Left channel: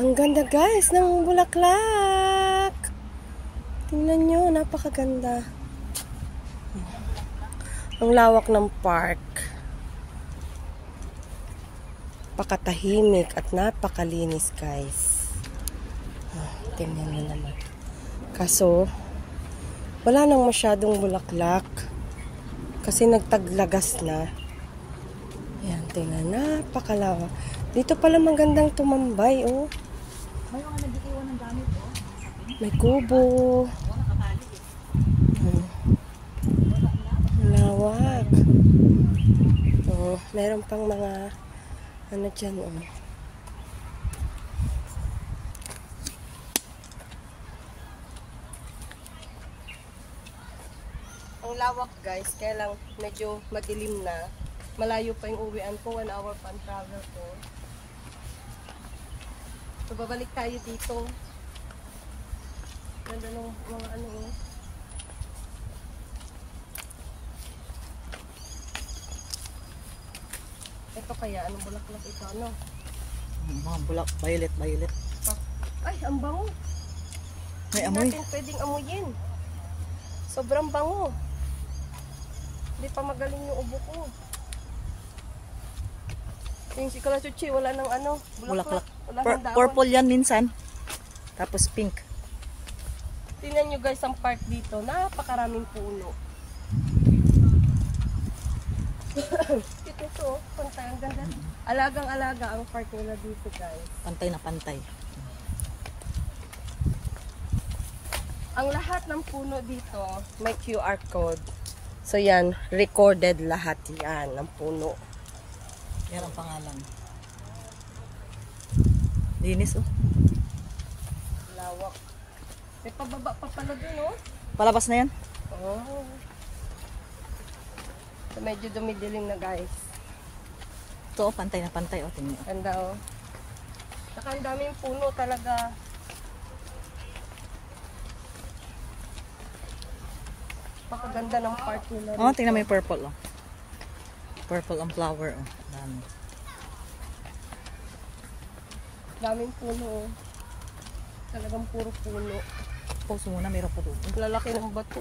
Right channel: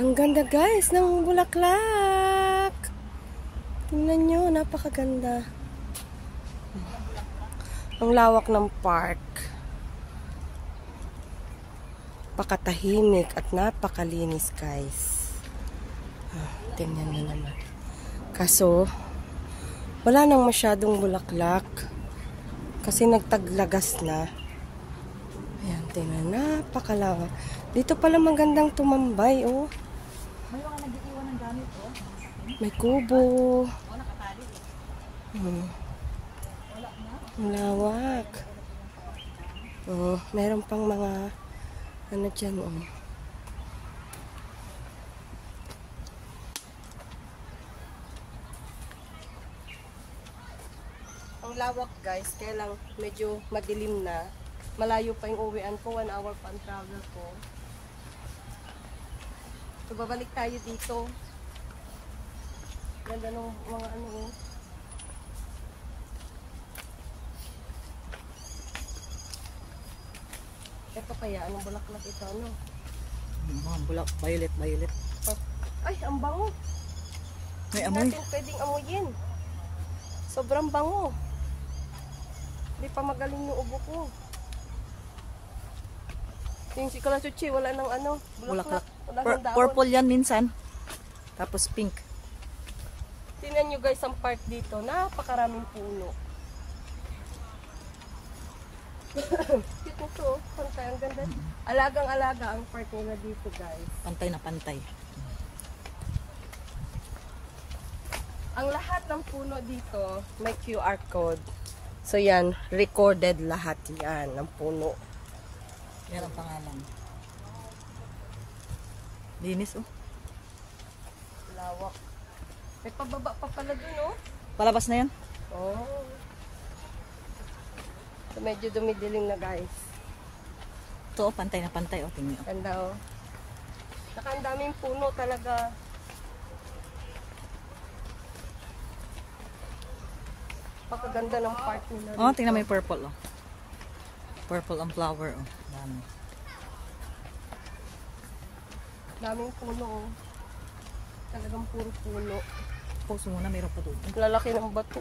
Ang ganda guys ng bulaklak. Tingnan nyo, napakaganda. Ang lawak ng park. Pakatahimik at napakalinis guys. Tingnan nyo naman. Kaso, wala nang masyadong bulaklak. Kasi nagtaglagas na. Ayan, tingnan, napakalawak. Dito pala magandang tumambay, oh. May mga nag-iiwan ng gamit, oh. May kubo. Lawak. Oh, meron pang mga ano dyan, oh. Ang lawak guys, kaya lang medyo madilim na. Malayo pa yung uwian ko, 1 hour pa ang travel ko. So, babalik tayo dito. Ganda ng mga ano. Ito kaya, anong bulaklak ito, ano? Mga bulak, violet. Ay, ang bango. May amoy. Hindi natin pwedeng amuyin. Sobrang bango. Hindi pa magaling yung ubo ko. Yung si Kalasuchi, wala nang ano, Bulaklak. Wala nang daon. Purple yan minsan. Tapos pink. Tingnan nyo guys ang park dito. Napakaraming puno. Ito to, pantay. Ang ganda. Alagang-alaga ang park nila dito guys. Pantay na pantay. Ang lahat ng puno dito may QR code. So yan, recorded lahat yan ng puno. Yan ang pangalan. Linis, oh. Lawak. May pababa pa pala dun, oh. Palabas na yan? Oh. Medyo dumidilim na guys. Ito, oh, pantay na pantay, oh. Tingnan. Ganda, oh. Saka ang daming puno talaga. Pakaganda ng park nila. Oh, tingnan mo yung purple, oh. Purple ang flower, oh. Dami. Daming puno, oh. Talagang puro puno. Pause muna, meron pa doon. Lalaki ng bato.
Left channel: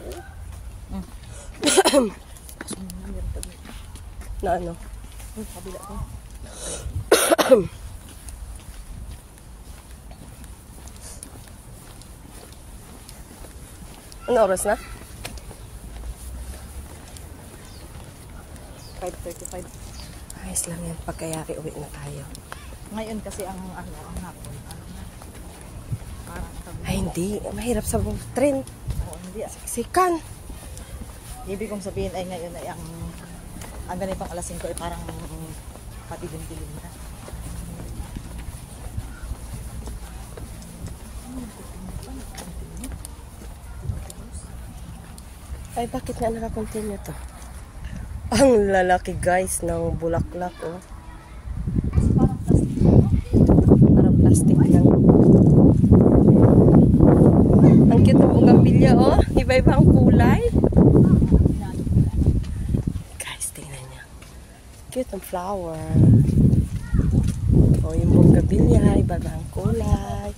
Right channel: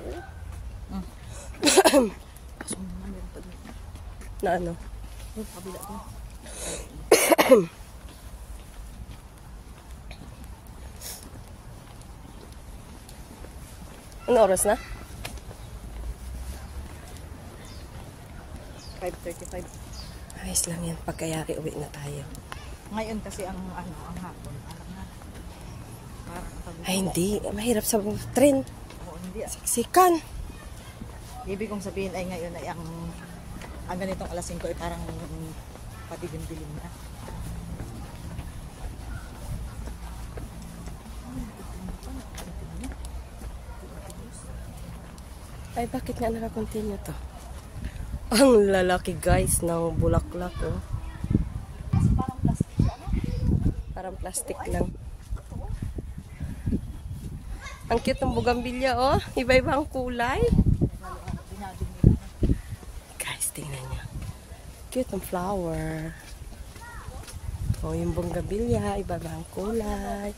Pause muna, meron pa doon. Na ano? Kabila ko. Ano oras na? 5:35. Ayos lang yan. Pagkayari, uwi na tayo. Ngayon kasi ang ano, ang hapon. Ano na? Ay, hindi. Mahirap sa train. Oh, hindi. Siksikan. Ibig kong sabihin ay ngayon ay ang nitong alas 5 ay parang patilim-tilim na. Ay, bakit nga nakakontinue to? Ang lalaki guys ng bulaklak, oh. Parang plastic lang. Ang cute ng bugambilya, oh. Iba-iba ang kulay. Guys, tingnan niya. Cute ang flower. Oh, yung bugambilya, iba-iba ang kulay.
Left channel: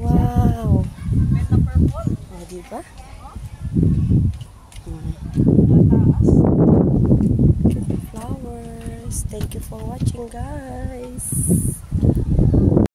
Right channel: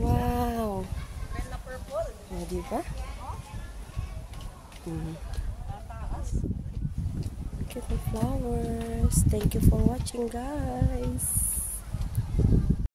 Wow. Oh, diba?